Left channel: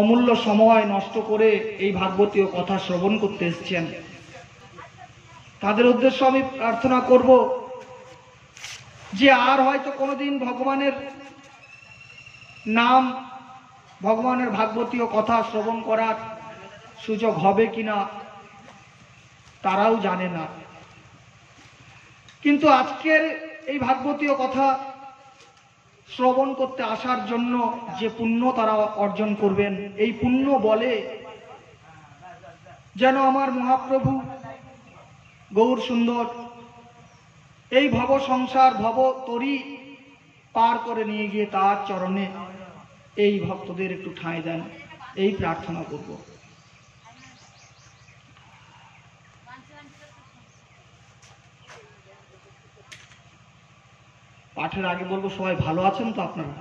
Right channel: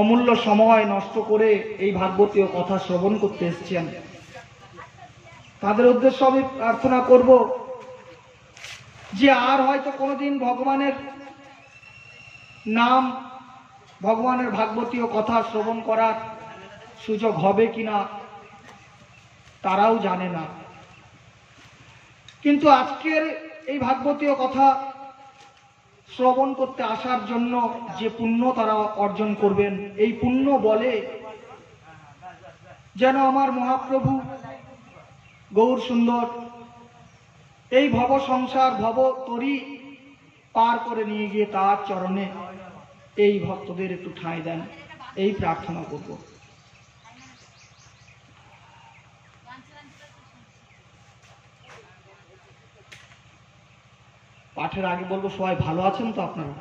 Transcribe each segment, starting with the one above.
অমূল্য সময় নষ্ট করে এই ভাগবতীয় কথা শ্রবণ করতে এসেছেন, তাদের উদ্দেশ্য আমি প্রার্থনা করব যে আর হয়তো কোনোদিন ভগবানের নাম, ভগবানের ভাগবতীয় কথা শ্রবণ করার সুযোগ হবে কিনা তারাও জানে না। কিন্তু আজকের এই ভাগবতীয় কথা শ্রবণ করতে আসার জন্য যে পুণ্য তারা অর্জন করবেন, এই পুণ্য বলে যেন আমার মহাপ্রভু গৌর সুন্দর এই ভব সংসার ভব তরি পার করে নিয়ে গিয়ে তার চরণে এই ভক্তদের একটু ঠাঁই দেন, এই প্রার্থনা করব। পাঠের আগে বলবো, সবাই ভালো আছেন তো আপনারা?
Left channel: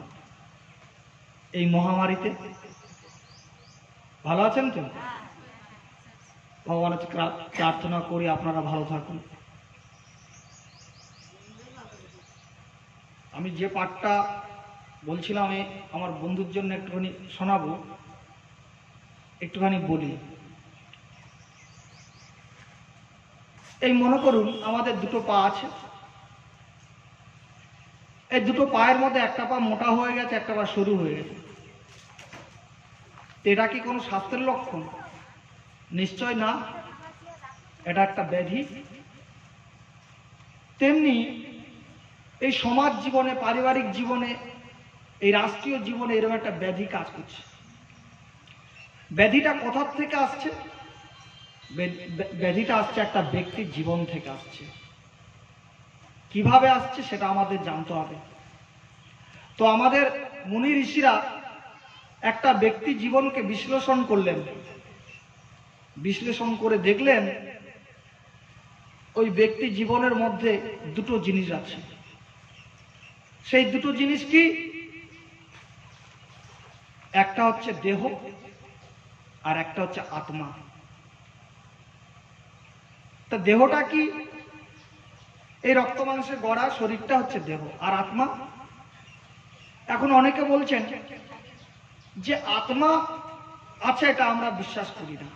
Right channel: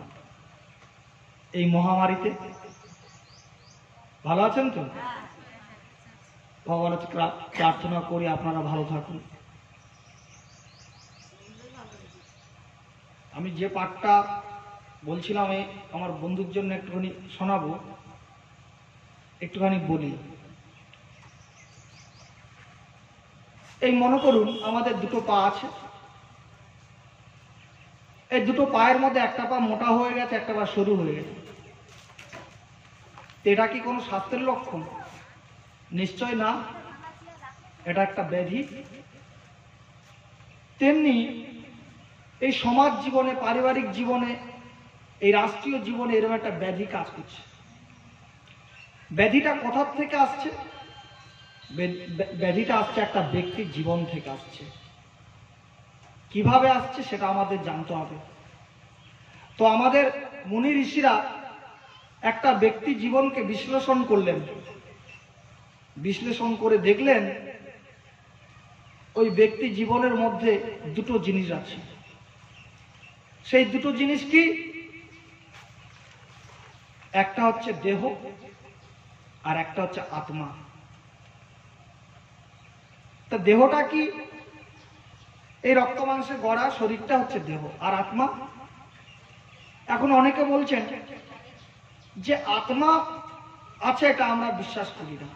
এই মহামারীতে ভালো আছেন তো? ভগবানের প্রার্থনা করি আপনারা ভালো থাকুন। আমি যে পাঠটা বলছিলাম আমি আমার বন্ধুর জন্য একটুখানি শোনাবো, একটুখানি বলি। এই মনে করুন আমাদের দুটো পা আছে, এই দুটো পায়ের মধ্যে একটা পা মোটা হয়ে গেছে, একটা পা সরু হয়ে গেছে। এটা কি কোনো স্বাস্থ্যের লক্ষণ? নিশ্চয় না, এটা একটা ব্যাধি। তেমনি এই সমাজ জীবনে, পারিবারিক জীবনে, এই রাষ্ট্রীয় জীবনে এরকম একটা ব্যাধি কাজ করছে। ব্যাধিটা কোথা থেকে আসছে? ব্যাধিটা আসছে একটা ব্যক্তির জীবন থেকে আসছে। কিভাবে আসছে সেটা আমাদের জানতে হবে। তো আমাদের মুনি ঋষিরা একটা ব্যক্তি জীবনকে বিশ্লেষণ করলেন, বিশ্লেষণ করে দেখলেন ওই ব্যক্তি জীবনের মধ্যে দুটো জিনিস আছে। সেই দুটো জিনিস কি? একটা হচ্ছে দেহ আর একটা হচ্ছে আত্মা। তা দেহটা কি? এই রক্ত মাংসে গড়া শরীরটা হচ্ছে দেহ, আর আত্মা? এখন অনেকে বলছেন যে আত্মা আছে, এটা আমরা বিশ্বাস করি না।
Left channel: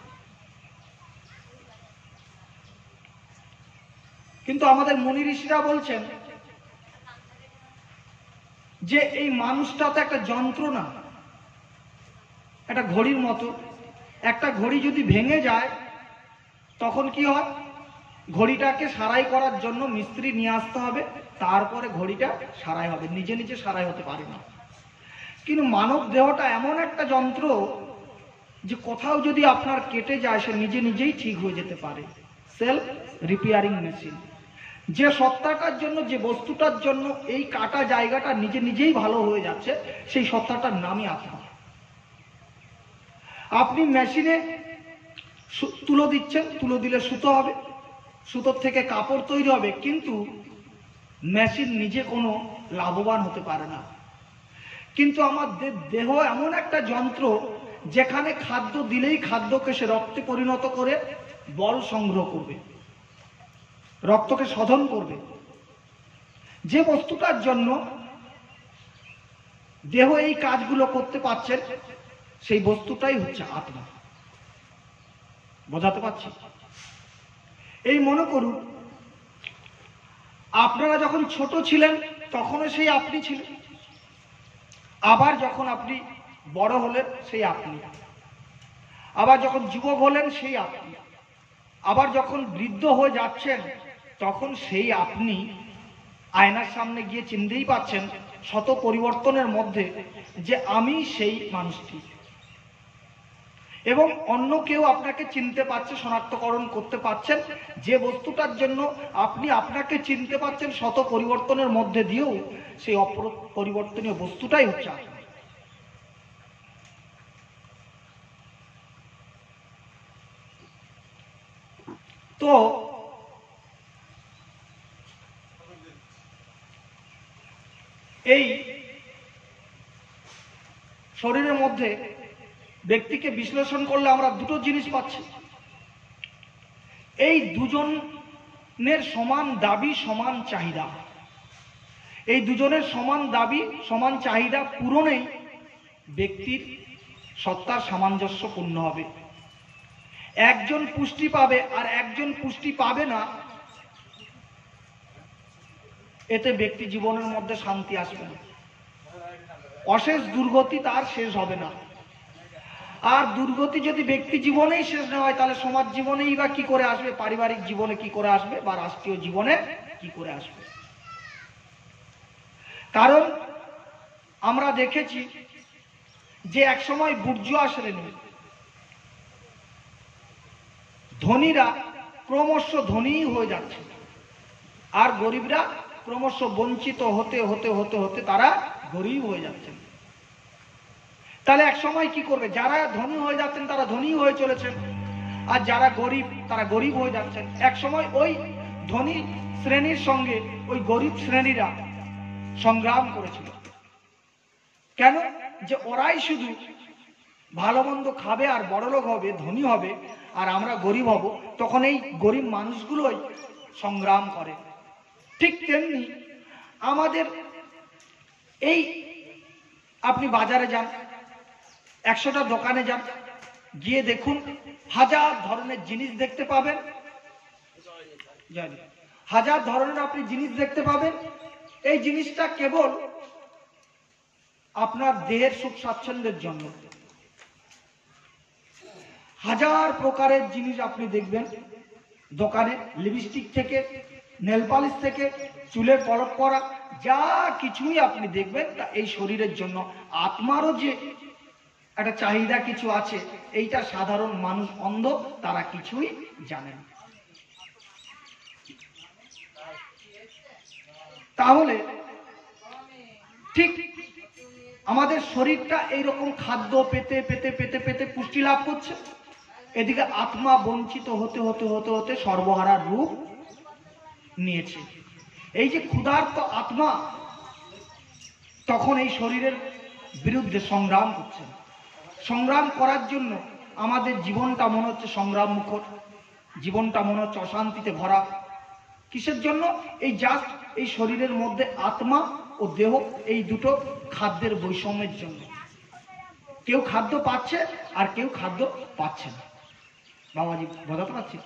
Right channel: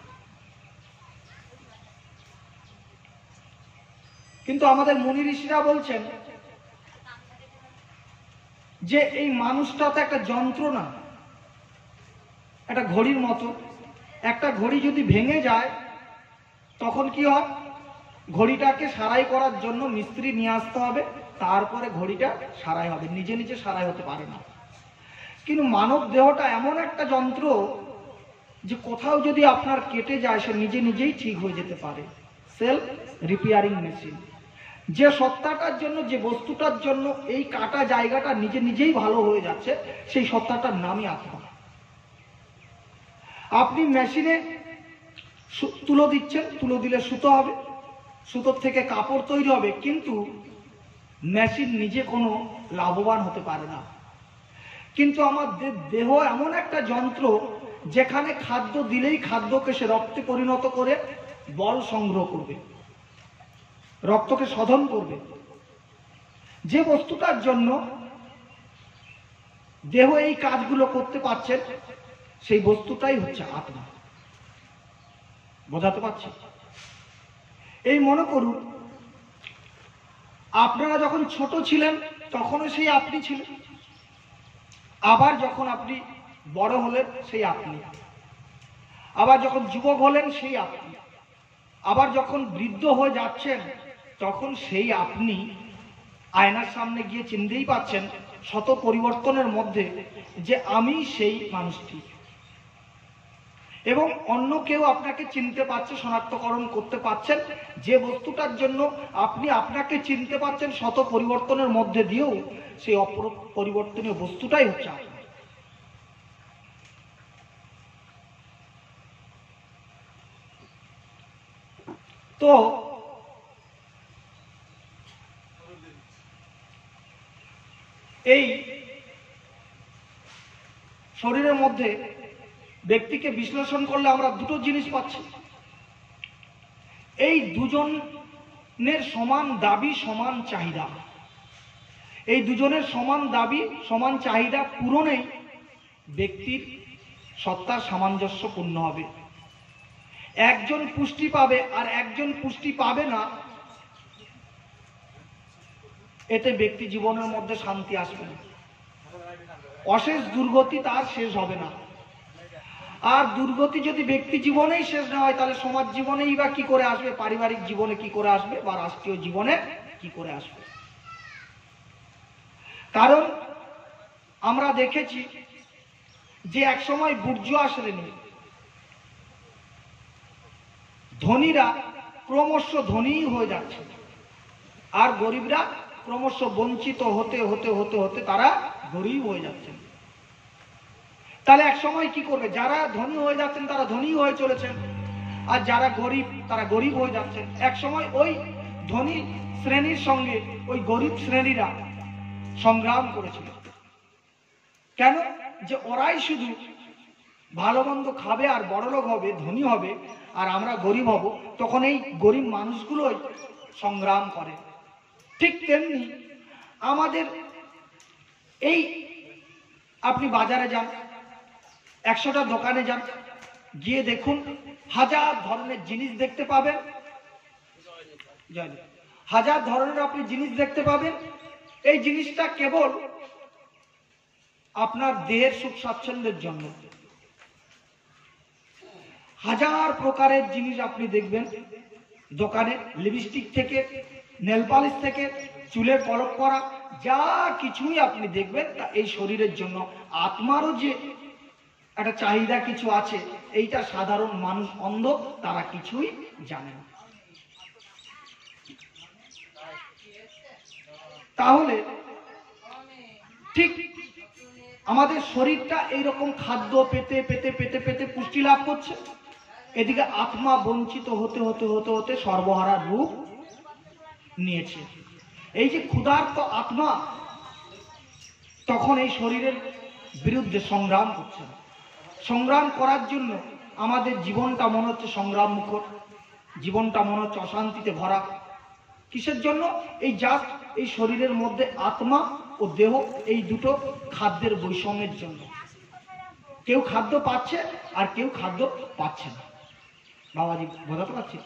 কিন্তু আমাদের মুনি ঋষিরা বলছেন যে এই মানুষটা তো একটা যন্ত্র না, একটা ঘড়ির মতো। একটা ঘড়ি যদি ভেঙে যায় তখন কি হয়? ঘড়িটাকে সারাই করার জন্য মিস্ত্রি নিয়ে আসতে হবে, তারপরে ঘড়িটা সারাই হবে, নিজে নিজে সারাই হতে পারে না। কিন্তু মানব দেহটা এমন একটা যন্ত্র যে কোথাও যদি আপনার কেটে যায় সে নিজে নিজেই ঠিক হয়ে যেতে পারে। Self repairing machine. যে সত্তাটার জন্য, যে বস্তুটার জন্য এই কাটা জায়গাটা নিজে নিজেই ভালো হয়ে যাচ্ছে, সেই সত্তাটার নামই আত্মা। আপনি মেশিনে তুলো দিচ্ছেন, তুলো দিলে সুতো হবে, সুতোর থেকে কাপড় তৈরি হবে, কিন্তু মেশিন নিজে কোনো লাভবান হতে পারে না। কিন্তু আমাদের দেহ এমন একটা যন্ত্র যেখানে খাদ্য দিলেই খাদ্যকে সে রক্তে পরিণত করে বল সংগ্রহ করবে, রক্তকে শোধন করবে। যে বস্তুটার জন্য দেহ এই কাজগুলো করতে পারছে, সেই বস্তুটাই হচ্ছে আত্মা। বোঝাতে পারছি? এই মনে করুন আপনারা যখন ছোট ছিলেন তখনও সেই আপনি ছিলেন, আবার যখন আপনি বড় হলেন সেই আপনি, আবার যখন যুবক হলেন সেই আপনি, আবার যখন বৃদ্ধ হয়ে যাচ্ছেন তখন সেই আপনি আয়নার সামনে গিয়ে চিনতেই পাচ্ছেন শত পরিবর্তনের মধ্যে যে আমি সেই মানুষটি। এবং অন্য কেউ আপনাকে চিনতে পারছে, শনাক্তকরণ করতে পারছেন। যে বস্তুটার জন্য আপনি আপনাকে চিনতে পারছেন শত পরিবর্তনের মধ্যে দিয়েও, সেই অপরিবর্তনীয় বস্তুটাই হচ্ছে আত্মা। তো এই শরীরের মধ্যে ব্যক্তিকে বিশ্লেষণ করলে আমরা দুটো জিনিস পাচ্ছি। এই দুজনের সমান দাবি, সমান চাহিদা। এই দুজনের সমান দাবি, সমান চাহিদা পূরণেই ব্যক্তির সত্তার সামঞ্জস্যপূর্ণ হবে। একজন পুষ্টি পাবে আর একজন পুষ্টি পাবে না, এতে ব্যক্তি জীবনের মধ্যে শান্তি আসবে না, অশেষ দুর্গতি তার শেষ হবে না। আর দুর্গতি যদি ব্যক্তি জীবনেই শেষ না হয়, তাহলে সমাজ জীবনেই বা কি করে আসবে, পারিবারিক জীবনে কি করে আসবে, বা রাষ্ট্রীয় জীবনে কি করে আসবে। কারণ আমরা দেখেছি যে একসময় বুর্জোয়া শ্রেণী, ধনীরা ক্রমশ ধনী হয়ে যাচ্ছে আর গরিবরা ক্রমশ বঞ্চিত হতে হতে হতে হতে তারা গরিব হয়ে যাচ্ছেন। তাহলে এক সময় কি করবে, যারা ধনী হয়ে যাচ্ছেন তারা ধনী হয়ে চলেছেন, আর যারা গরিব তারা গরিব হয়ে যাচ্ছেন। এক সময় ওই ধনী শ্রেণীর সঙ্গে ওই গরিব শ্রেণীরা সংগ্রাম করেছিল। কেন? যে ওরাই শুধু ভালো মন্দ খাবে আর বড়লোক হবে, ধনী হবে, আর আমরা গরিব হব। তখন এই গরিব মানুষগুলোই সংগ্রাম করে। ঠিক তেমনি আমাদের এই, আপনি বাজারে যান, 100টা দোকানে যান, গিয়ে দেখুন হাজার ধরনের জিনিস দেখতে পাবেন, হাজার ধরনের আপনি জিনিস দেখতে পাবেন। এই জিনিসটা কেবল আপনার দেহের সুখ স্বাচ্ছন্দ্যের জন্য। হাজার প্রকারের জিনিস আপনি দেখবেন দোকানে, লিপস্টিক থেকে নেল পালিশ থেকে চুলে কলপ করা, যা কিছুই আপনি দেখবেন তা এই শরীরের জন্য। আত্মারও যে একটা চাহিদা কিছু আছে, এইটা সাধারণ মানুষ অন্ধ, তারা কিছুই জানে না। তাহলে ঠিক আমাদের শরীরটা এইরকম খাদ্য পেতে পেতে পেতে পেতে পুষ্টি লাভ করছে, এদিকে আত্মা বঞ্চিত হতে হতে হতে হতে সর্বহারার রূপ নিয়েছে। এই যে ক্ষুধার্ত আত্মা তখন এই শরীরের বিরুদ্ধে সংগ্রাম করছে। সংগ্রাম করার জন্য আমাদের জীবনটা মনে হচ্ছে সংগ্রাম মুখর, জীবনটা মনে হচ্ছে অশান্তিতে ভরা। কিসের জন্য? এই জাস্ট এই শরীরের মধ্যে আত্মা ও দেহ, এই দুটো খাদ্যের বৈষম্যের জন্য। কেউ খাদ্য পাচ্ছে আর কেউ খাদ্য পাচ্ছে না। বাবাজি বোঝাতে পারছি?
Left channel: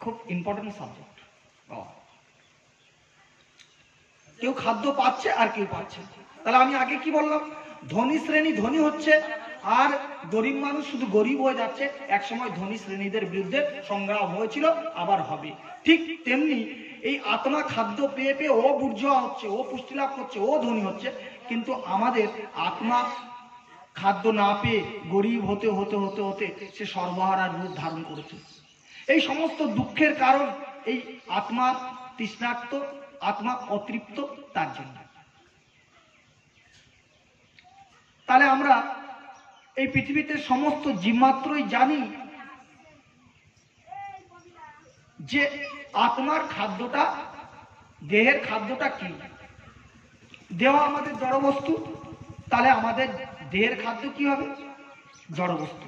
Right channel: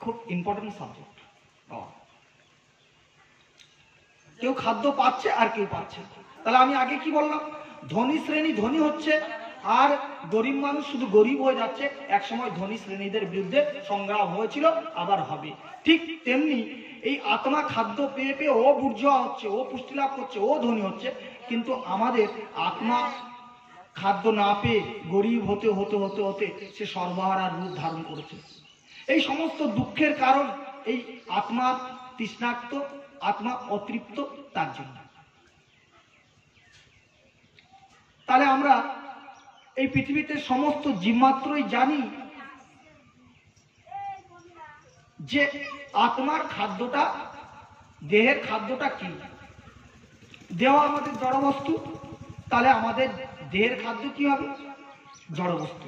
খুব ইম্পর্টেন্ট সাবজেক্ট। কেউ খাদ্য পাচ্ছে আর কেউ পাচ্ছে। তাহলে আমি আগে কি বললাম, ধনী শ্রেণী ধনী হচ্ছে আর গরিব মানুষ শুধু গরিব হয়ে যাচ্ছে। এক সময় ধনী শ্রেণীদের বিরুদ্ধে সংগ্রাম হয়েছিল, আবার হবে। ঠিক তেমনি এই আত্মা খাদ্য পেয়ে পেয়ে ও বুর্জোয়া হচ্ছে, ও পুষ্টি লাভ করছে, ও ধনী হচ্ছে, কিন্তু আমাদের আত্মা খাদ্য না পেয়ে গরিব হতে হতে হতে হতে সে সর্বহারার রূপ ধারণ করেছে। এই সমস্ত দুঃখের কারণ এই আত্মা তৃষ্ণার্ত, আত্মা অতৃপ্ত, তার জন্য। তাহলে আমরা এই পৃথিবীতে সমস্ত জীবমাত্রই জানি যে আত্মার খাদ্যটা, দেহের খাদ্যটা কি। দেহ আমাদের জড় বস্তু, তাহলে আমাদের দেহের খাদ্য কি হবে? জড় বস্তু।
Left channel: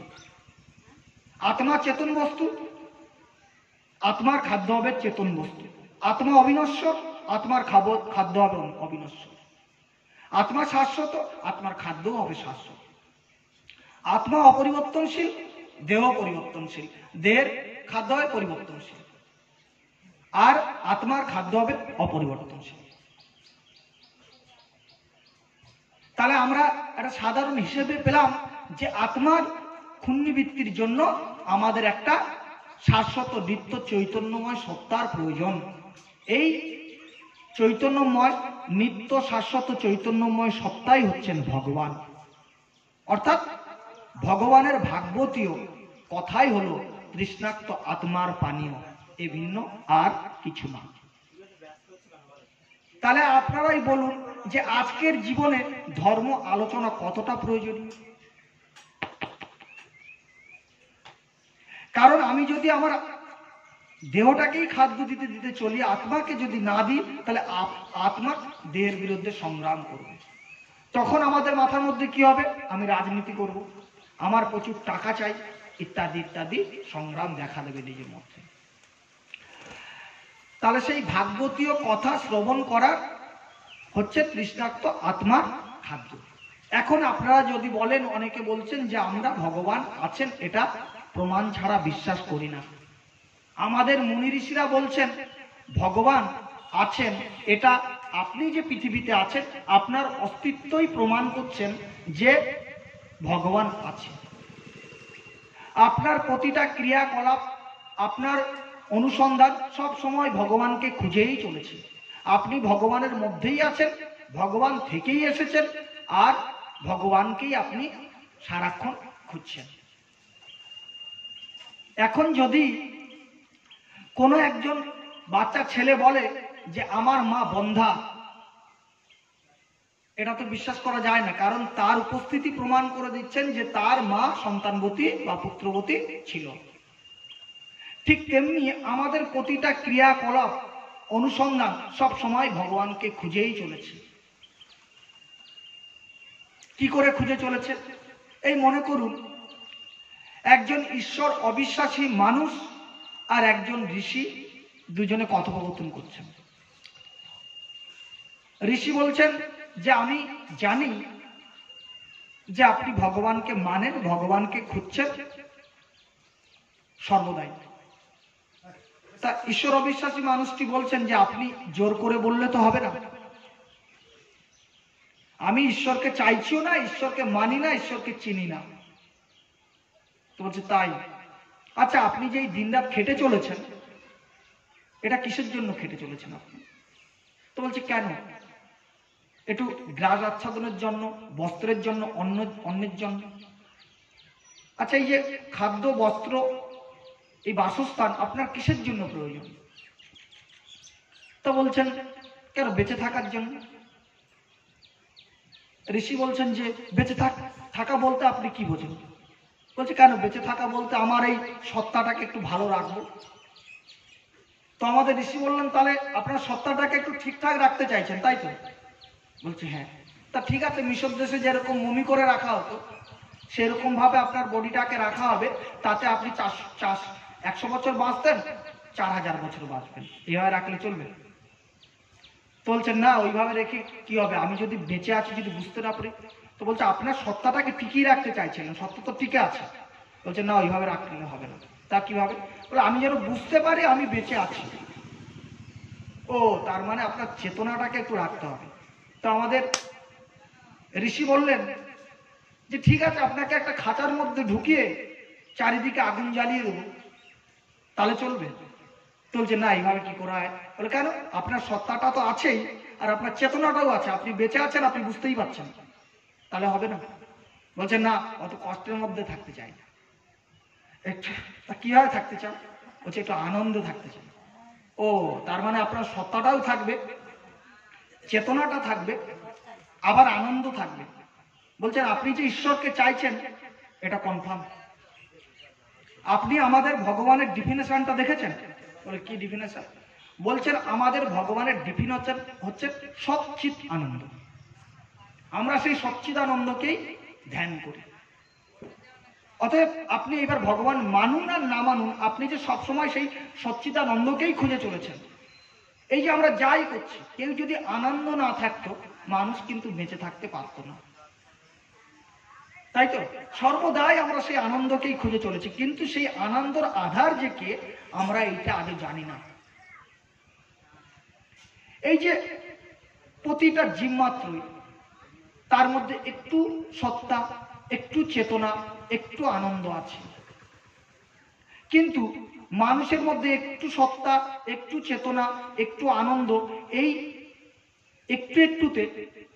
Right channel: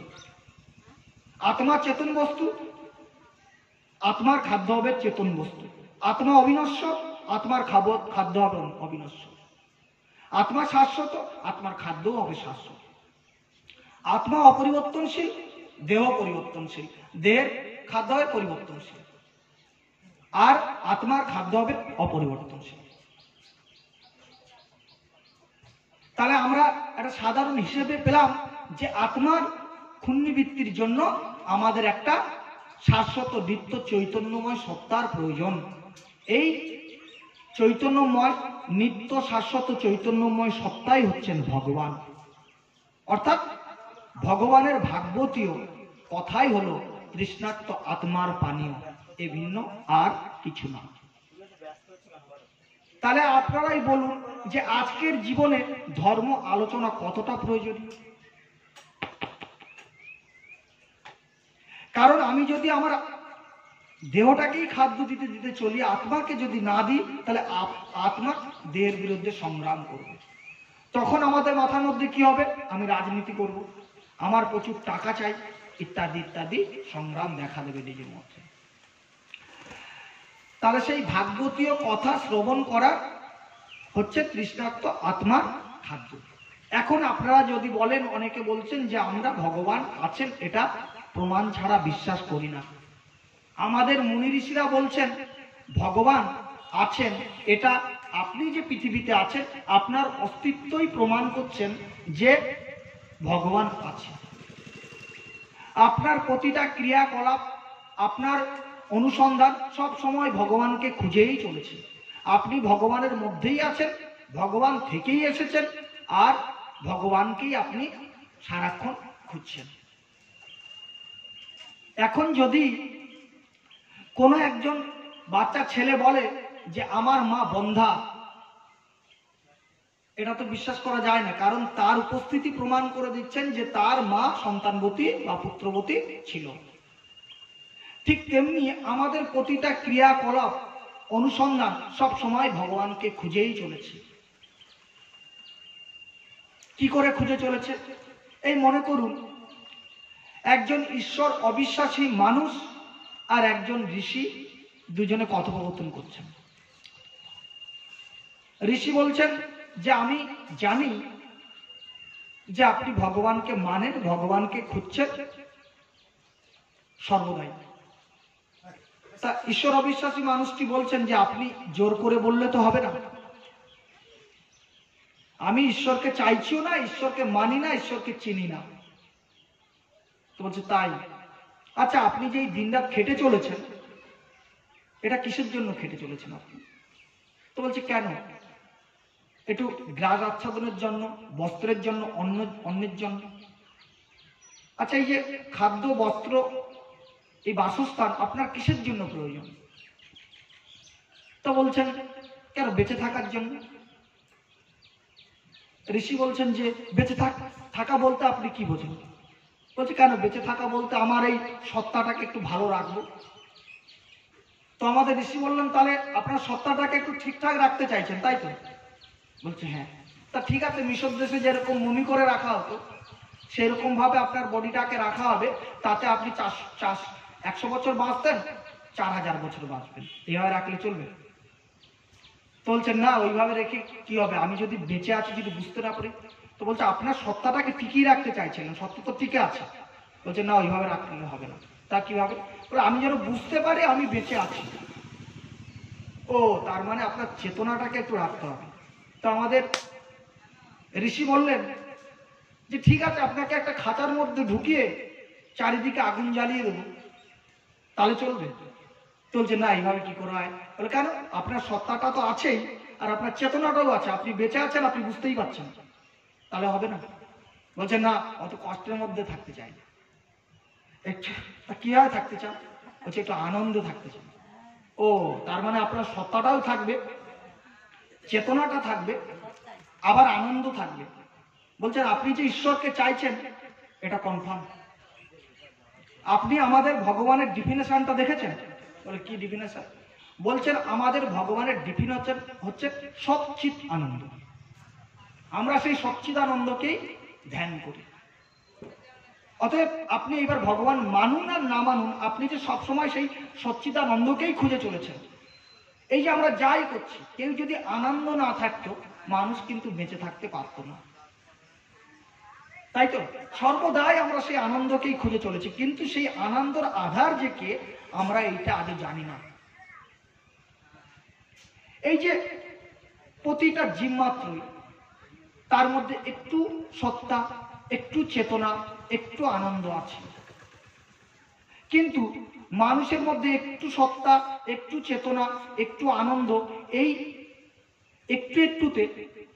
আত্মা চেতন বস্তু, আত্মার খাদ্য হবে চেতন বস্তু। আত্মা অবিনশ্বর, আত্মার খাদ্য হবে অবিনশ্বর। আত্মা শাশ্বত, আত্মার খাদ্য হবে শাশ্বত। আত্মা অপরিবর্তনশীল, দেহ পরিবর্তনশীল। দেহের খাদ্য হবে পরিবর্তনশীল আর আত্মার খাদ্য হবে অপরিবর্তনশীল। তাহলে আমরা একটা সাধারণ হিসেবে পেলাম যে আত্মার ক্ষুণ্ণবৃত্তির জন্য আমাদের একটা শাশ্বত নিত্য চৈতন্যময় সত্তার প্রয়োজন। এই চৈতন্যময় নিত্য শাশ্বত চৈতন্যময় সত্তাই হচ্ছেন ভগবান। অর্থাৎ ভগবানের ভাগবতীয় কথাই হলো তৃষ্ণার্ত আত্মার পানীয়, এ ভিন্ন আর কিছু না। তাহলে আপনারাই বলুন যে আজকের জীবনে ধর্ম আলোচনা কতটা প্রয়োজনীয়। কারণ আমি যদি আমার দেহটাকেই খাদ্য দিতে দিতে চলি, আত্মাকে যদি না দিই, তাহলে আত্মা দেহের বিরুদ্ধে সংগ্রাম করবে। তখন আমাদের মাথার মধ্যে কি হবে? আমি রাজনীতি করব, আমার প্রচুর টাকা চাই, ইত্যাদি ইত্যাদি সংগ্রাম দেখা দেবে নিজের মধ্যে। তাহলে সেই ভাগবতীয় কথা শ্রবণ করা হচ্ছে তৃষ্ণার্ত আত্মার খাদ্য। এখন আপনারা যদি বলেন, অনেকে বলছেন যে আমরা ভগবান আছেন এটা প্রমাণ ছাড়া বিশ্বাস করি না। আমাদের মুনি ঋষিরা বলছেন ভগবান আছেন, এটা আপনি যে পৃথিবীতে আছেন আপনার অস্তিত্বই প্রমাণ করছেন যে ভগবান আছে। আপনার প্রতিটা ক্রিয়াকলাপ, আপনার অনুসন্ধান সব সময় ভগবানকে খুঁজেই চলেছে। আপনি ভগবানের মধ্যেই আছেন, ভগবান থেকেই এসেছেন, আর ভগবানকেই আপনি সারাক্ষণ খুঁজছেন। এখন যদি কোনো একজন বাচ্চা ছেলে বলে যে আমার মা বন্ধা, এটা তো বিশ্বাস করা যায় না, কারণ তার উপস্থিতি প্রমাণ করে দিচ্ছেন যে তার মা সন্তানবতী বা পুত্রবতী ছিল। ঠিক তেমনি আমাদের প্রতিটা ক্রিয়াকলাপ, অনুসন্ধান সব সময় ভগবানকে খুঁজেই চলেছে। কি করে খুঁজে চলেছে? এই মনে করুন, একজন ঈশ্বর অবিশ্বাসী মানুষ আর একজন ঋষি দুজনে কথোপকথন করছেন। ঋষি বলছেন যে আমি জানি যে আপনি ভগবানকে মানেন, ভগবানকে খুঁজছেন সর্বদাই। তা ঈশ্বর অবিশ্বাসী মানুষটি বলছেন যে আপনি জোর করে বললে তো হবে না, আমি ঈশ্বরকে চাইছিও না, ঈশ্বরকে মানি না, ঈশ্বরকে চিনি না। তো বলছে তাই? আচ্ছা, আপনি যে এই দিনরাত খেটে চলেছেন, এটা কিসের জন্য খেটে চলেছেন আপনি? তো বলছে কেন? একটু গ্রাস আচ্ছাদনের জন্য, বস্ত্রের জন্য, অন্যের জন্য। আচ্ছা, এই যে খাদ্য, বস্ত্র, এই বাসস্থান আপনার কিসের জন্য প্রয়োজন? তো বলছেন কেন? বেঁচে থাকার জন্য। ঋষি বলছেন যে বেঁচে থাকা বলতে আপনি কি বোঝেন? বলছে কেন? বেঁচে থাকা বলতে আমার এই সত্তাটাকে একটু ভালো রাখবো। তো আমাদের ঋষি বললেন তাহলে আপনার সত্তাটাকে একটু ঠিকঠাক রাখতে চাইছেন, তাই তো? বলছে হ্যাঁ। তা ঠিক আছে, মিশর দেশে যেরকম মমি করে রাখা হতো সেরকম ভাবে আপনার বডিটাকে রাখা হবে, তাতে আপনি 100 বছর বাঁচতেন, 4000 বছর বাঁচবেন, এইভাবে রাখলে চলবে? তো বলছেন না, ওইভাবে রেখে কি হবে, আমি যদি বেঁচে আছি যদি বুঝতে না পারি। তো বলছে আপনার সত্তাটাকে টিকিয়ে রাখতে চাইছিলেন, সত্তা তো টিকে আছে। বলছে না, ওইভাবে রাখলে হবে না। তা কিভাবে? আমি যেন বুঝতে পারি আমি বেঁচে আছি। ও, তার মানে আপনার চেতনাটাকে একটু রাখতে হবে। তো আমাদের ঋষি বললেন যে ঠিক আছে, আপনাকে একটা খাঁচার মধ্যে ঢুকিয়ে চারিদিকে আগুন জ্বালিয়ে দেবো, তাহলে চলবে? চলছে না, এইভাবে কি করা হয়? বলে কেন? আপনার সত্তাটা তো আছেই, আর আপনার চেতনাটাও আছে, আপনি বেঁচে আছেন, আপনি বুঝতেই পারছেন, তাহলে হবে না। বলছে না, অত কষ্টের মধ্যে থাকতে চাই না। একটু কিভাবে থাকতে চান? বলছে একটু আনন্দ থাকতে চাই। ও, তার মানে আপনার সত্তাটাও থাকবে, চেতনাটা থাকবে, আবার আনন্দ থাকবে। বলছেন আপনি যে ঈশ্বরকে চাইছেন এটা কনফার্ম? আপনি আমাদের ভগবানের ডিফিনেশনটা দেখেছেন? বলে কি ডিফিনেশন? বলছেন আমাদের ভগবানের ডিফিনেশন হচ্ছে সচ্চিৎ আনন্দ। আমরা সেই সচ্চিৎ আনন্দকেই ধ্যান করি। অতএব আপনি এবার ভগবান মানুন আর না মানুন, আপনি যে সবসময় সেই সচ্চিদানন্দকেই খুঁজে চলেছেন। এই যে আমরা যাই করছি, কেউ যদি আনন্দ না থাকতো মানুষ কিন্তু বেঁচে থাকতে পারতো না, তাই তো? সর্বদাই আমরা সেই আনন্দকেই খুঁজে চলেছি, কিন্তু সেই আনন্দর আধার যে কে আমরা এইটা আজও জানি না। এই যে প্রতিটা জীব মাত্রই তার মধ্যে একটু সত্তা, একটু চেতনা, একটু আনন্দ আছে, কিন্তু মানুষের মধ্যে একটু সত্তা, একটু চেতনা, একটু আনন্দ, এই একটু একটুতে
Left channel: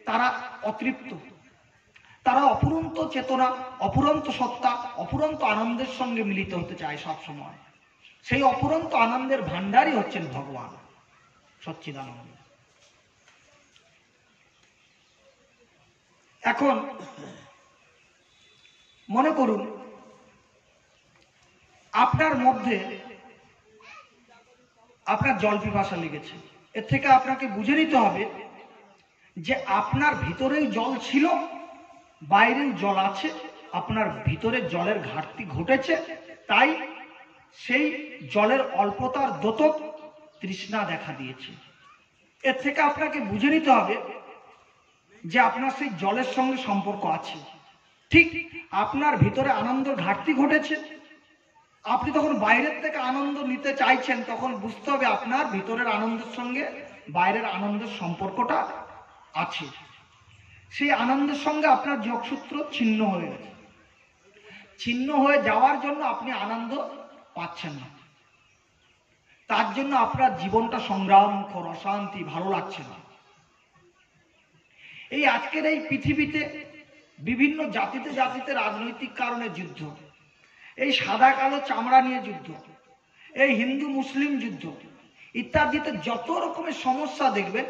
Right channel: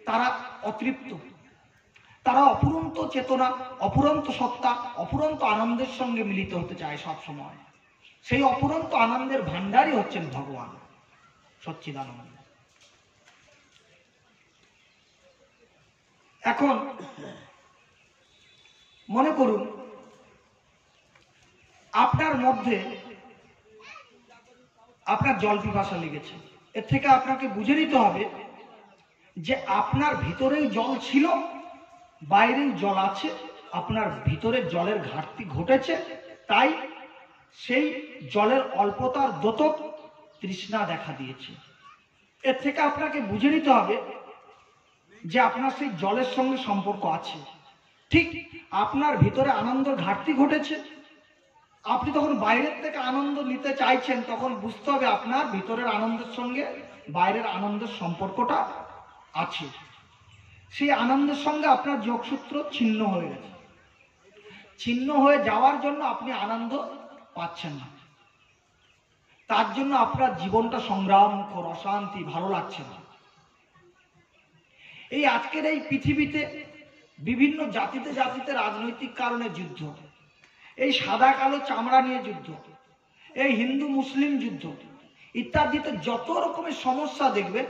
তারা অতৃপ্ত। তারা অফুরন্ত চেতনা, অফুরন্ত সত্তা, অফুরন্ত আনন্দের সঙ্গে মিলিত হতে চায় সব সময়। সেই অফুরন্ত আনন্দের ভান্ডারই হচ্ছেন ভগবান সচ্চিদানন্দ। এখন মনে করুন আপনার মধ্যে আপনার জল পিপাসা লেগেছে, এর থেকে আপনাকে বুঝে নিতে হবে যে আপনার ভিতরেই জল ছিল, বাইরেই জল আছে, আপনার ভিতরে জলের ঘাটতি ঘটেছে, তাই সেই জলের অল্পতার দোতক তৃষ্ণা দেখা দিয়েছে। এর থেকে আপনাকে বুঝে নিতে হবে যে আপনার সেই জলের সঙ্গে সম্পর্ক আছে। ঠিক আপনার ভিতরে আনন্দের ঘাটতি ঘটেছে, আপনি তখন বাইরের থেকে আনন্দ নিতে চাইছেন, তখন বুঝতে হবে আপনার ভিতরের আনন্দের সঙ্গে বাইরের আনন্দের সম্পর্কটা আছে। সেই আনন্দের সঙ্গে আপনার যোগসূত্র ছিন্ন হয়ে গেছে। ছিন্ন হয়ে যাওয়ার জন্য আপনি আনন্দ পাচ্ছেন না, তার জন্য আপনার জীবনটা সংগ্রামখর, অশান্তি, ভালো লাগছে না। এই আজকের এই পৃথিবীতে বিভিন্ন জাতিতে জাতিতে রাজনৈতিক কারণে যুদ্ধ, এই সাদা কালো চামড়া নিয়ে যুদ্ধ, এই হিন্দু মুসলিম যুদ্ধ ইত্যাদিতে যত রকমের সমস্যা দেখবেন,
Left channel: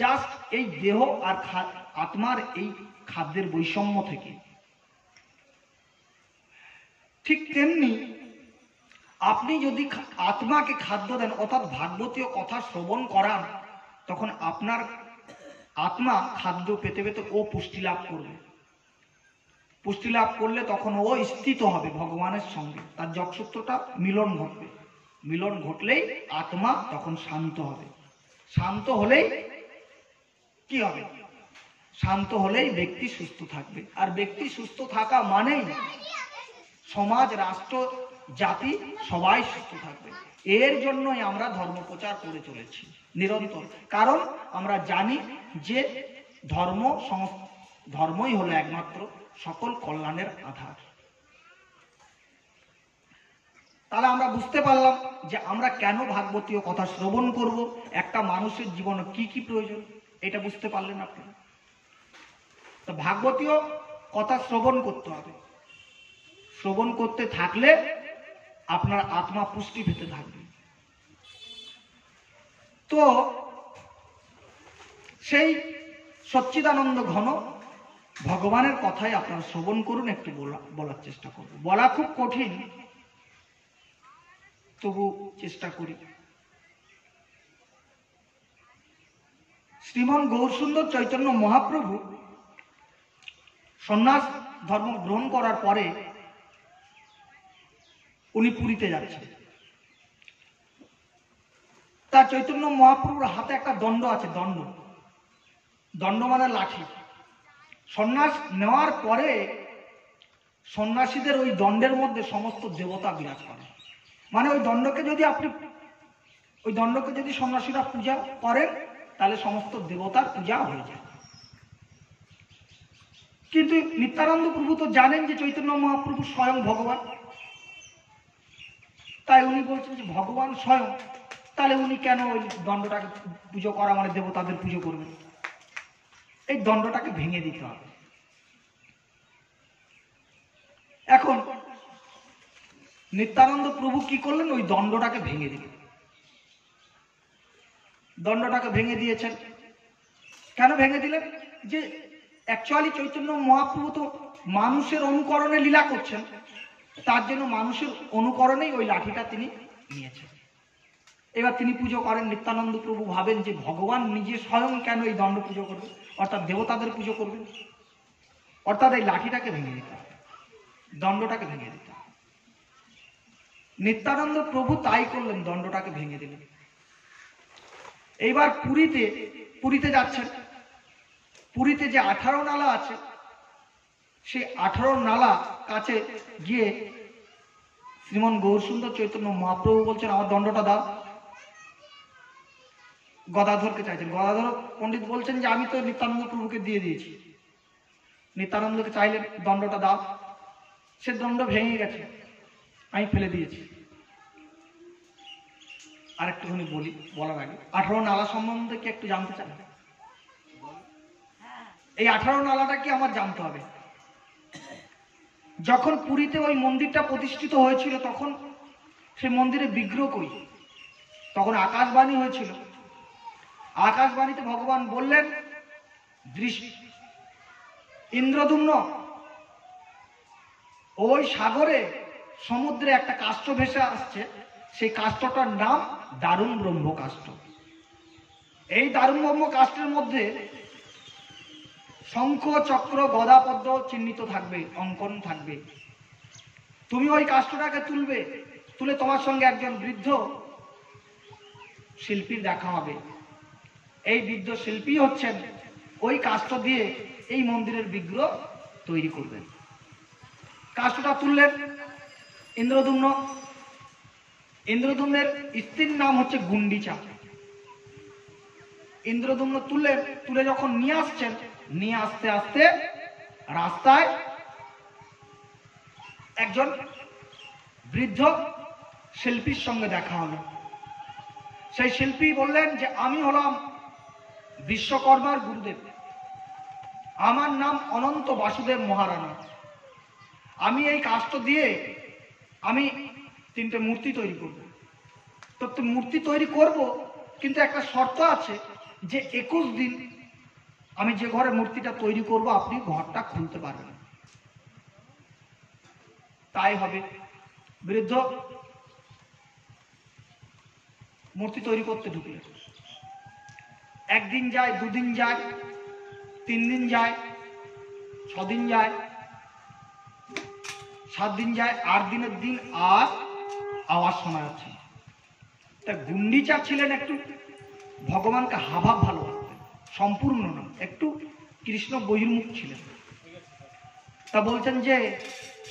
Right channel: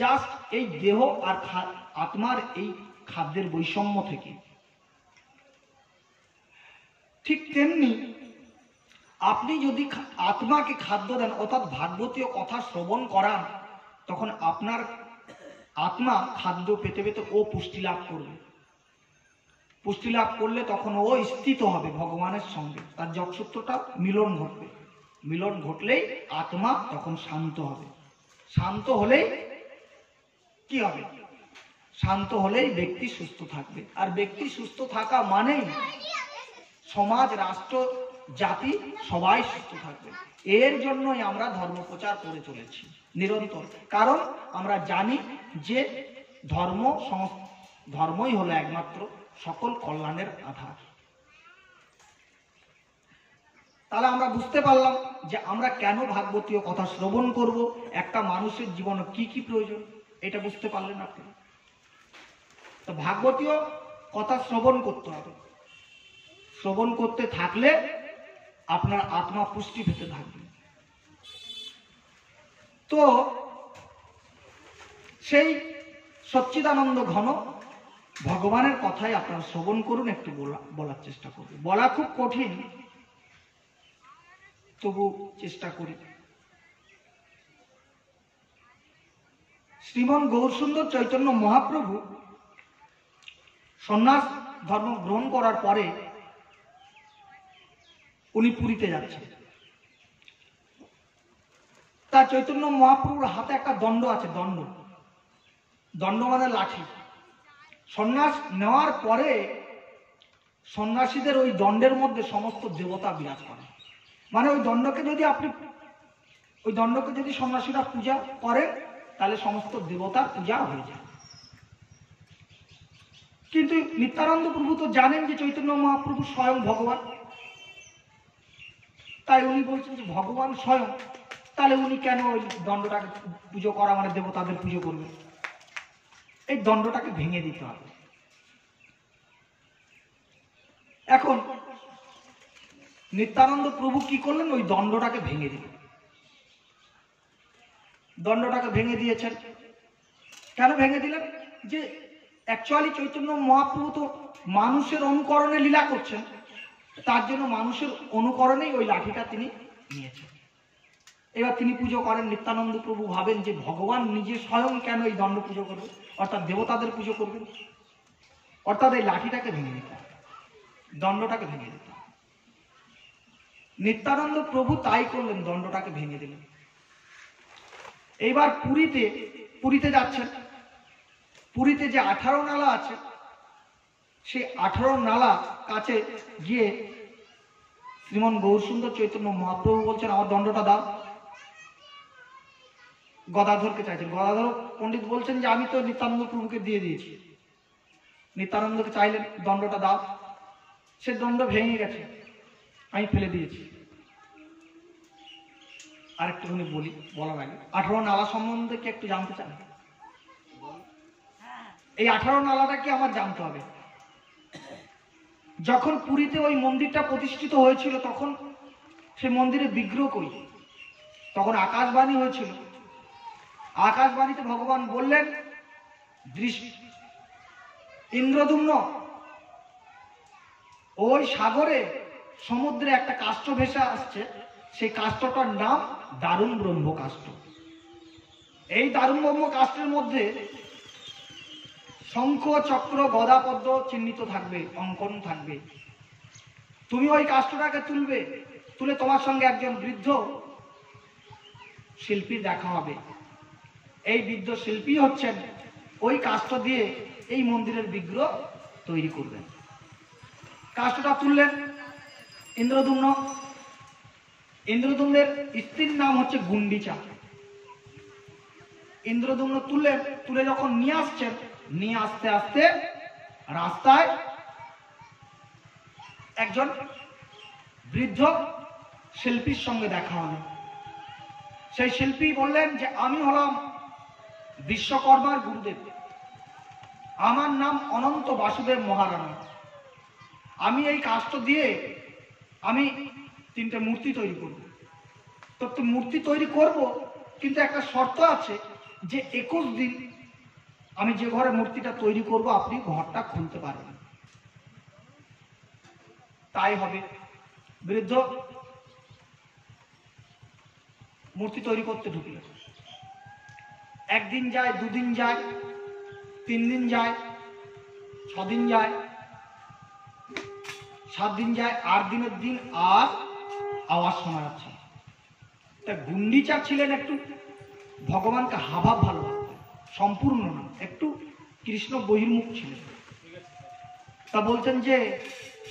জাস্ট এই দেহ আর আত্মার এই খাদ্যের বৈষম্য থেকে। ঠিক তেমনি আপনি যদি আত্মাকে খাদ্য দেন, অর্থাৎ ভাগবতীয় কথা শ্রবণ করান, তখন আপনার আত্মা খাদ্য পেতে পেতে ও পুষ্টি লাভ করবে। পুষ্টি লাভ করলে তখন ও স্থিত হবে ভগবানের সঙ্গে, তার যোগসূত্রটা মিলন ঘটবে। মিলন ঘটলেই আত্মা তখন শান্ত হবে। শান্ত হলেই কি হবে? শান্ত হলেই ব্যক্তি সুস্থ থাকবে। আর ব্যক্তি সুস্থ থাকা মানেই সমাজ, রাষ্ট্র, জাতি সবাই সুস্থ থাকবে। এর জন্যই আমরা ধর্ম প্রচার করে চলেছি নিরন্তর। কারণ আমরা জানি যে ধর্মই হলো একমাত্র সকল কল্যাণের আধার। তাহলে আমরা বুঝতে পারলাম যে আমরা কেন ভাগবতীয় কথা শ্রবণ করব, একটা মানুষের জীবনে কি কি প্রয়োজন, এটা বুঝতে পারলেন আপনি। তো ভাগবতীয় কথা শ্রবণ করতে হবে। শ্রবণ করতে থাকলে আপনার আত্মা পুষ্টি পেতে থাকবে। তো সেই সচ্চিদানন্দ ঘন ভগবানের কথাই আপনারা শ্রবণ করুন, একটু বলার চেষ্টা করুন। বলা খুব কঠিন, তবু চেষ্টা করি। শ্রীমন গৌরসুন্দর চৈতন্য মহাপ্রভু সন্ন্যাস ধর্ম গ্রহণ করার পরে উনি পুরীতে যাচ্ছেন। তার চৈতন্য মহাপ্রভুর হাতে একটা দণ্ড আছে, দণ্ড মানে লাঠি। সন্ন্যাস নেওয়ার পরে সন্ন্যাসীদের ওই দণ্ডের মধ্যে সমস্ত দেবতা বিরাজ করে। মানে ওই দণ্ডকে যদি সন্ন্যাসীরা পূজা করেন, তাহলে সমস্ত দেবতার পূজা হয়ে যায়। কিন্তু নিত্যানন্দ প্রভু তো জানেন যে চৈতন্য মহাপ্রভু স্বয়ং ভগবান, তাই উনি বলছেন যে ভগবান স্বয়ং, তাহলে উনি কেন ওই দণ্ডটাকে পুজো করা মানে দেবতাদের পুজো করবেন? এই দণ্ডটাকে ভেঙে দিতে হবে। এখন নিত্যানন্দ প্রভু কি করলেন? ওই দণ্ডটাকে ভেঙে দিলেন। দণ্ডটাকে ভেঙে দিয়েছেন। কেন ভেঙে দিলেন? যে অ্যাকচুয়ালি চৈতন্য মহাপ্রভু তো মানুষের অনুকরণে লীলা করছেন, তার জন্য মানুষের অনুকরণেই ওই লাঠিটা তিনি নিয়েছেন। এবার তিনি পুজো করেন। নিত্যানন্দ প্রভু ভাবেন যে ভগবান নিজে স্বয়ং কেন এই দণ্ড পুজো করবে, অর্থাৎ দেবতাদের পুজো করবেন, অর্থাৎ এই লাঠিটাকে ভেঙে দিতে হবে, দণ্ডটাকে ভেঙে দিতে হবে। নিত্যানন্দ প্রভু তাই করলেন, দণ্ডটাকে ভেঙে দিলেন। এইবার পুরীতে যাচ্ছেন। পুরীতে যে 18 নালা আছে, সেই 18 নালা কাছে গিয়ে শ্রীমন গৌরসুন্দর চৈতন্য মহাপ্রভু বলছেন, আমার দণ্ডটা দাও। গদাধরকে চাইছেন। গদাধর পণ্ডিত বলছেন যে আমি তো নিত্যানন্দ প্রভুকে দিয়ে দিয়েছি। নিত্যানন্দকে চাইলেন দণ্ডটা দাও। সে দণ্ড ভেঙে গেছে, আমি ফেলে দিয়েছি। আর একটুখানি বলার আগে 18 নালা সম্বন্ধে কি একটু জানতে চান? এই 18 নালাটা কি আমার জানতে হবে। যখন পুরীতে ওই মন্দিরটা প্রতিষ্ঠিত হয়েছিল, তখন সে মন্দিরে বিগ্রহ কই, তখন আকাশবাণী হয়েছিল। আকাশবাণীতে ভগবান বললেন, ইন্দ্রদুম্ন, ওই সাগরে সমুদ্রে একটা কাষ্ঠ ভেসে আসছে, সেই কাষ্ঠটার নাম দারুণ ব্রহ্ম কাষ্ঠ। এই দারুণ ব্রহ্ম কাষ্ঠের মধ্যে শঙ্খ, চক্র, গদা, পদ্ম চিহ্নিত থাকবে, অঙ্কন থাকবে। তুমি ওই কাষ্ঠটাকে তুলে তোমার সঙ্গে একজন বৃদ্ধ শিল্পীর দেখা হবে। এই বৃদ্ধ শিল্পী হচ্ছেন ওই কাষ্ঠ দিয়ে এই মন্দিরের বিগ্রহ তৈরি করবেন। কাষ্ঠটা তুললেন ইন্দ্রদ্যুম্ন। ইন্দ্রদ্যুম্নের স্ত্রীর নাম হচ্ছে গুন্ডিচা। ইন্দ্রদ্যুম্ন তুলে যখন নিয়ে আসছেন, নিয়ে আসতে আসতে রাস্তায় একজন বৃদ্ধ শিল্পীর সঙ্গে দেখা হলো। সেই শিল্পী বললেন যে আমি হলাম বিশ্বকর্মার গুরুদেব, আমার নাম অনন্ত বাসুদেব মহারানা। আমি এই কাষ্ঠ দিয়ে আমি 3টে মূর্তি তৈরি করব। তো মূর্তি তৈরি করব, কিন্তু একটা শর্ত আছে যে 21 দিন আমি যে ঘরে মূর্তিটা তৈরি করব আপনি ঘরটা খুলতে পারবেন। তাই হবে। বৃদ্ধ মূর্তি তৈরি করতে ঢুকলেন। 1 দিন যায়, 2 দিন যায়, 3 দিন যায়, 6 দিন যায়, 7 দিন যায়, 8 দিনের দিন আর আওয়াজ শোনা যাচ্ছে। তা গুন্ডিচা ছিলেন একটু ভগবানকে হাভাব ভালোবাসতেন, সম্পূর্ণ না, একটু কৃষ্ণ বহির্মুখ ছিলেন। তা বলছেন যে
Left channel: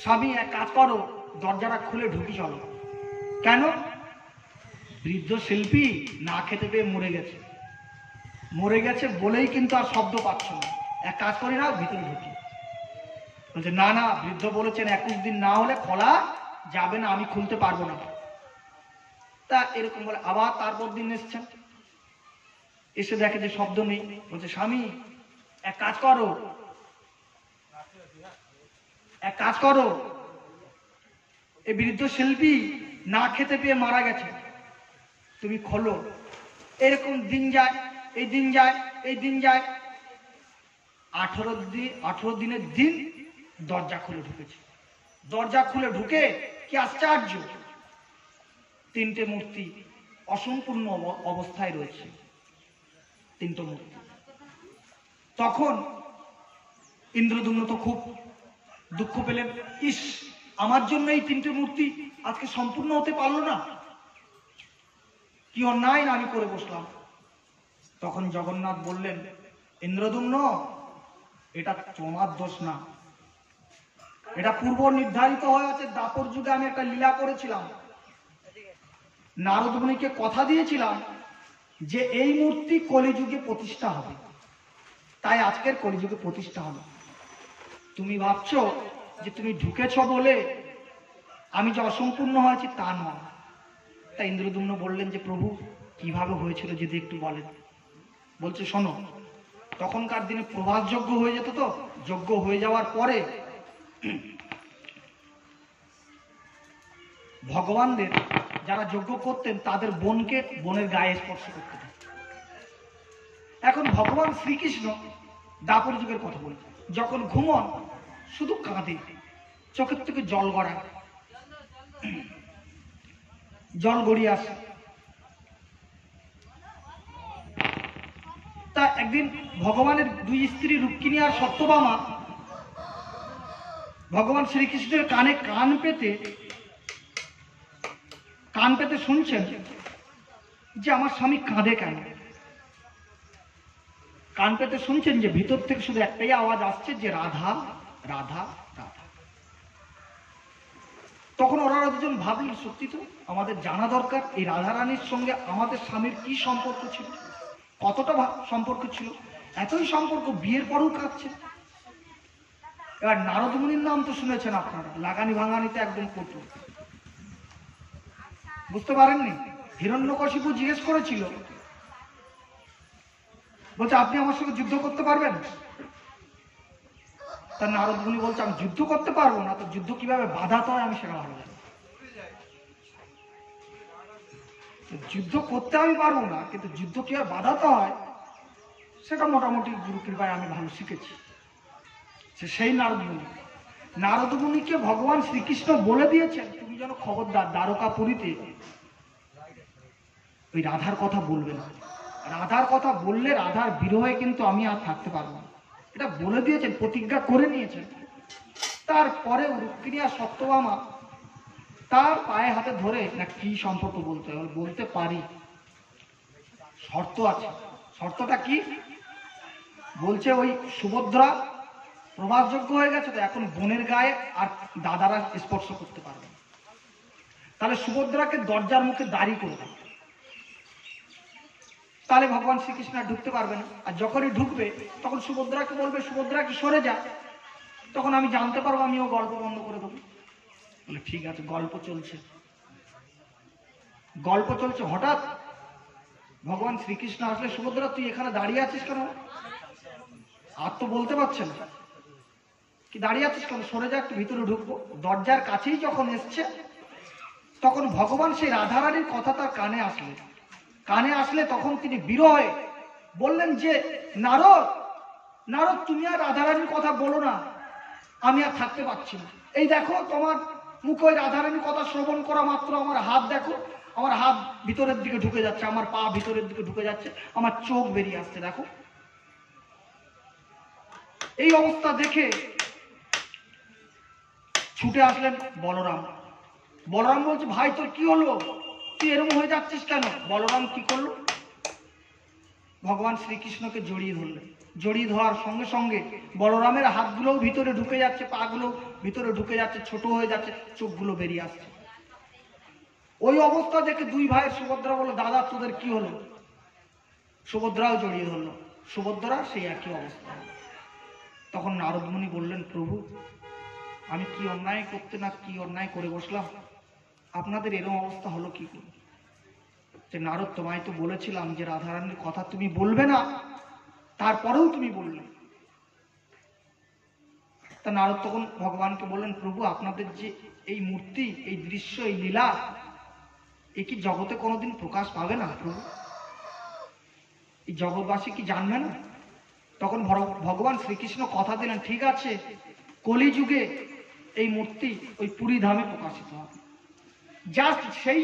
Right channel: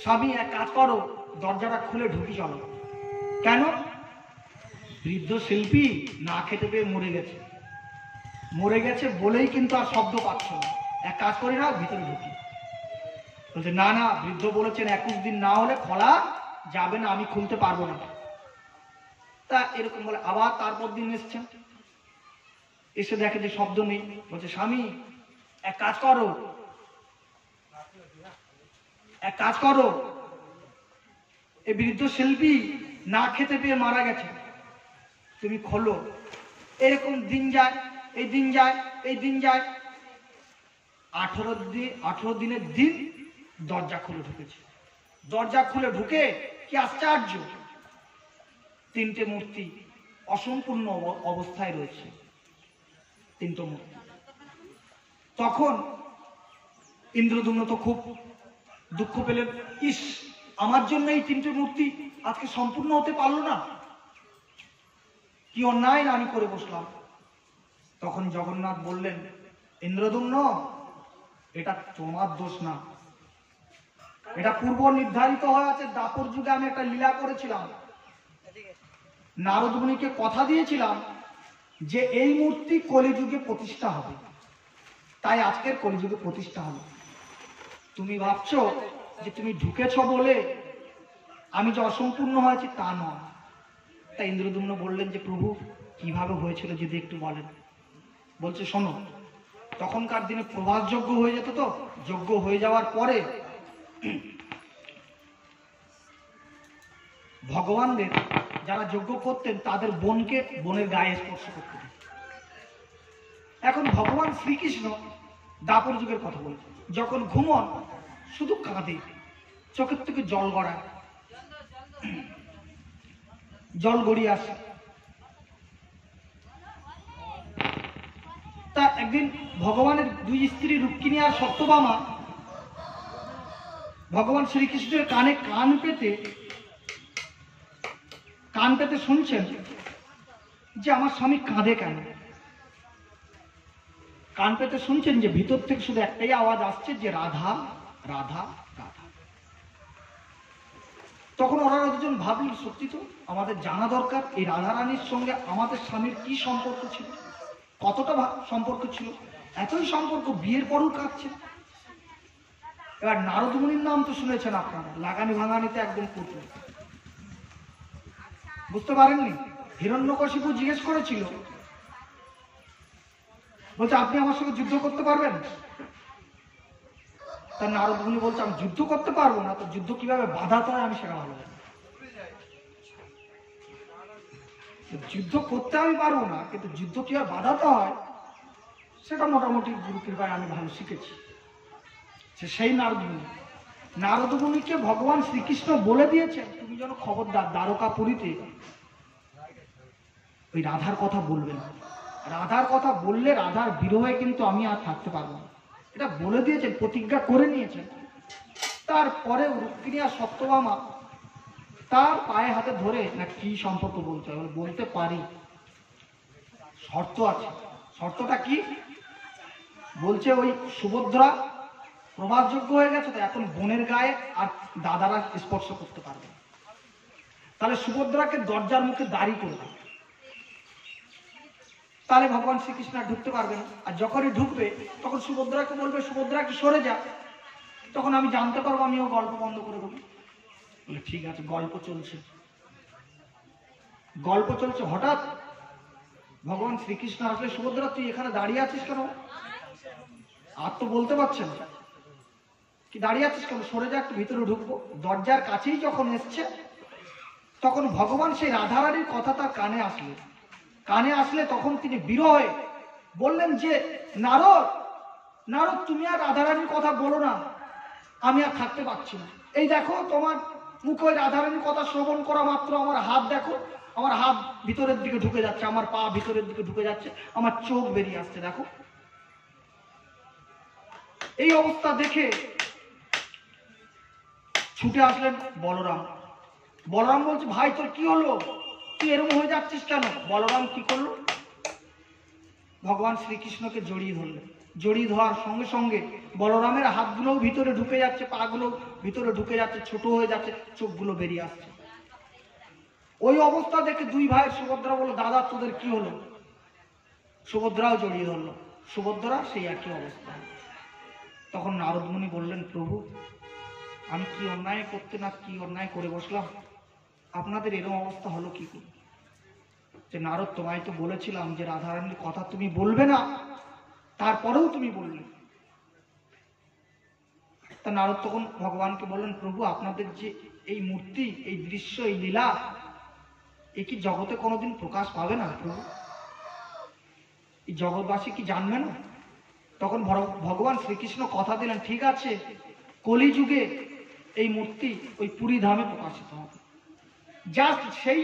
স্বামী এক কাজ করো, দরজাটা খুলে ঢুকি চলো। কেন? বৃদ্ধ শিল্পী না খেতে পেয়ে মরে গেছে বলেই কিন্তু আর শব্দ পাচ্ছ না। এক কাজ করি না, ভিতরে ঢুকি। বলছে না না, বৃদ্ধ বলেছেন 21 দিন না হলে খোলা যাবে না, আমি খুলতে পারবো না। তা এরকম বলে আবার তারপর দিন এসছেন, এসে দেখে যে শব্দ নেই। বলছে স্বামী এক কাজ করো, এই বৃদ্ধ শিল্পী না খেতে পেয়ে মারা গেছে, তুমি খোলো। এরকম দিন যায়, এই দিন যায়, এই দিন যায়। 18 দিনের দিন দরজা খুলে ঢুকেছে। দরজা খুলে ঢুকে কি আশ্চর্য, 3টে মূর্তি অসম্পূর্ণ অবস্থায় রয়েছে, 3টে মূর্তি। তখন ইন্দ্রদ্যুম্ন তো খুব দুঃখ পেলেন, ইস আমার জন্য এই 3টে মূর্তি আজকে সম্পূর্ণ হতে পারলো না, কি অন্যায় না আমি করে বসলাম। তখন জগন্নাথ বললেন, ইন্দ্রদ্যুম্ন এটা তোমার দোষ না, এটা পূর্ব নির্ধারিত হয়ে আছে। দাপর যুগে আমি একটা লীলা করেছিলাম, নারদ মুনিকে কথা দিয়েছিলাম যে এই মূর্তি কলিযুগে প্রতিষ্ঠা হবে, তাই আজকের কলিযুগে প্রতিষ্ঠা হলো। তুমি ভাবছো যে তুমি ঢুকেছ বলে আমি যে অসম্পূর্ণ হয়েছি তা নয়। তাই ইন্দ্রদ্যুম্ন বললেন যে প্রভু কিভাবে হয়েছিল যদি একটু বলেন। বলছে শোনো, তখনকার দিনে প্রভাস যজ্ঞ হয়ে যেত, তো যজ্ঞ হয়ে যাওয়ার পরে ভগবানদের যারা যজ্ঞ করতেন তাদের বোনের গায়ে স্পর্শ করতেন। এখন ভগবান শ্রীকৃষ্ণ দাপর যুগের কথা বলছেন, যখন ঘুমন শুধু কাঁদে, চোখের থেকে জল গড়ায়, জল গড়িয়ে আসে। তা একদিন ভগবানের 2 স্ত্রী রুক্মিণী আর সত্যভামা ভগবান শ্রীকৃষ্ণের কানে কান পেতে শুনছেন যে আমার স্বামী কাঁদে কেন। কান পেতে শুনছেন যে ভিতর থেকে শুধু একটাই আওয়াজ আসছে যে রাধা রাধা রাধা। তখন ওরা দুজন ভাবলেন সত্যি তো আমাদের জানা দরকার এই রাধারানীর সঙ্গে আমাদের স্বামীর কি সম্পর্ক ছিল, কতটা সম্পর্ক ছিল, এতই সম্পর্ক বিয়ের পরেও কাঁদছে। এবার নারদ মুনির নাম তো শুনেছেন আপনারা, লাগানি ভাঙানিতে একদম কটু, বুঝতে পারেননি। হিরণ্যকশিপু জিজ্ঞেস করেছিল, বলছে আপনি আমার সঙ্গে যুদ্ধ করতে পারবেন? তা নারদ মুনি বলছে আমি যুদ্ধ করতে পারবো না, তো যুদ্ধ কিভাবে বাধাতে হয় আমি সেটা ভালো জানি। যুদ্ধ করতে আমি পারবো না, কিন্তু যুদ্ধ কিভাবে বাধাতে হয় সেটা মোটামুটি গুরু কৃপায় আমি ভালো শিখেছি। সেই নারদ মুনিকে ভগবান শ্রীকৃষ্ণ বলে দিয়েছেন তুমি যেন খবরদার দ্বারকাপুরীতে ওই রাধার কথা বলবে না, রাধার কথা বললে রাধার বিরহে কিন্তু আমি আর থাকতে পারবো না, এটা বলে দিয়েছেন, প্রতিজ্ঞা করে নিয়েছেন। তারপরে রুক্মিণী আর সত্যভামা তার পায়ে হাতে ধরে না কি সম্পর্ক বলতে হবে, বলতে পারি, শর্ত আছে। শর্তটা কি? বলছে ওই সুভদ্রা প্রবাসযোগ্য হয়ে গেছে, তো এখন বোনের গায়ে আর দাদারা স্পর্শ করতে পারবে না। তাহলে সুভদ্রাকে দরজার মুখে দাঁড়িয়ে করে দেবে, তাহলে ভগবান শ্রীকৃষ্ণ আর ঢুকতে পারবে না। আর যখনই ঢুকবে তখন সুভদ্রাকে বলবে, সুভদ্রাকে সরে যা, তখন আমি জানতে পারবো, আমি ও গল্প বন্ধ করে দেবো। বলে ঠিক আছে। গল্প চলছে, হঠাৎ ভগবান শ্রীকৃষ্ণ আসলে, সুভদ্রা তুই এখানে দাঁড়িয়ে আছিস কেন? আর তো বলতে পারছেন না, কি দাঁড়িয়ে আছিস কেন, সরে যা, একটু ভিতরে ঢুকবো। দরজার কাছেই যখন এসছে, তখন ভগবান সেই রাধারানীর কথা তার কানে আসলে তখন তিনি বিরহে বললেন যে নারদ, তুমি আর রাধারানীর কথা বলো না, আমি আর থাকতে পারছি না। এই দেখো তোমার মুখে ওই রাধারানীর কথা শ্রবণ করা মাত্র আমার হাত দেখো, আমার হাত ভিতরের দিকে ঢুকে যাচ্ছে, আমার পা ভিতরের দিকে ঢুকে যাচ্ছে, আমার চোখ বেরিয়ে আসছে, দেখো। এই অবস্থা দেখে ছুটে আসলেন বলরাম। বলরাম বলছে, ভাই তোর কি হলো, তুই এরকম হয়ে যাচ্ছিস কেন? বলরাম কি করলো, ভগবান শ্রীকৃষ্ণকে জড়িয়ে ধরলেন। জড়িয়ে ধরার সঙ্গে সঙ্গে বলরামের হাতগুলোও ভিতরে ঢুকে যাচ্ছে, পা গুলো ভিতরে ঢুকে যাচ্ছে, ছোট হয়ে যাচ্ছে, চোখগুলো বেরিয়ে আসছে। ওই অবস্থা দেখে দুই ভাইয়ের সুভদ্রা বলল, দাদা তোদের কি হলো? সুভদ্রাও জড়িয়ে ধরলো, সুভদ্রা সেই একই অবস্থা। তখন নারদ মুনি বললেন, প্রভু আমি কি অন্যায় করে বসলাম, আপনাদের এরকম অবস্থা হলো কি করে? যে নারদ, তোমায় তো বলেছিলাম যে রাধারানীর কথা তুমি বলবে না, তারপরেও তুমি বললে। তা নারদ তখন ভগবানকে বললেন, প্রভু আপনাদের যে এই মূর্তি, এই দৃশ্য, এই লীলা, এ কি জগতে কোনোদিন প্রকাশ পাবে না প্রভু? এই জগৎবাসী কি জানবে না? তখন ভগবান শ্রীকৃষ্ণ কথা দিলেন, ঠিক আছে, কলিযুগে এই মূর্তি ওই পুরী ধামে প্রকাশিত হবে। জাস্ট সেই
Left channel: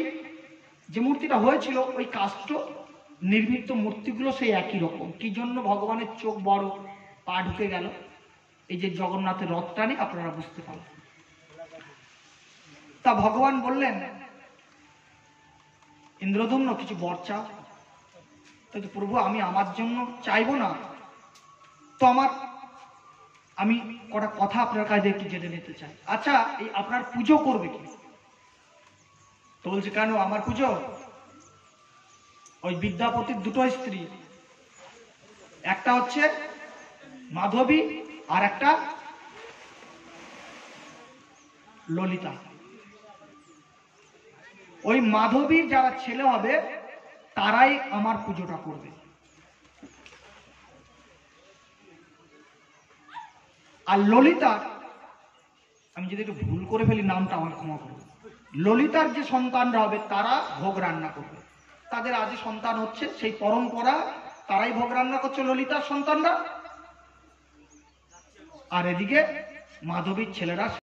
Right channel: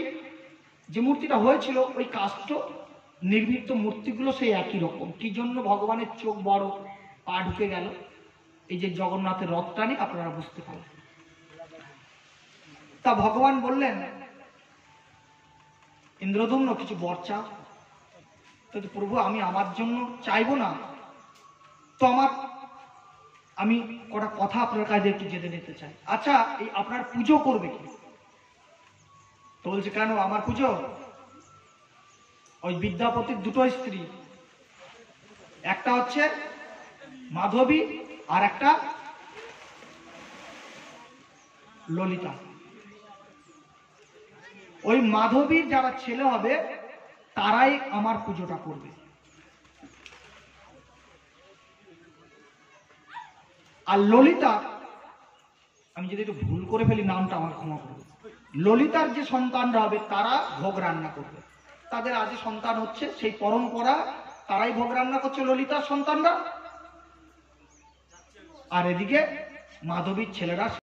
যে মূর্তিটা হয়েছিল, ওই কাষ্ঠ নির্মিত মূর্তিগুলো সেই একই রকম। কি জন্য ভগবানের চোখ বড়, পা ঢুকে গেল, এই যে জগন্নাথের রথটা নিয়ে আপনারা বুঝতে পারেন। তা ভগবান বললেন, ইন্দ্রদম্ন কিছু বর চাও। তো প্রভু আমি আমার জন্য চাইবো না, তো আমি কটা কথা আপনার কাছে একটু জেনে নিতে চাই। আচ্ছা এই আপনার পুজো করবে কি? তো বলছে, কেন আমার পুজো? ওই বিদ্যাপতির দুটো স্ত্রী, একটা হচ্ছে মাধবী আর একটা ললিতা। ওই মাধবীর যারা ছেলে হবে তারাই আমার পুজোটা করবে, আর ললিতা, আমি যদি একটু ভুল করে ফেলি নামটা আমার ক্ষমা করবে, ললিতার যে সন্তানরা হবে তারা ভোগ রান্না করবে। তাদের আজ সন্তান হচ্ছে, সেই পরম্পরা, তারাই ভোগ রান্না করছে ললিতার সন্তানরা। আর এদিকে মাধবীর ছেলেরা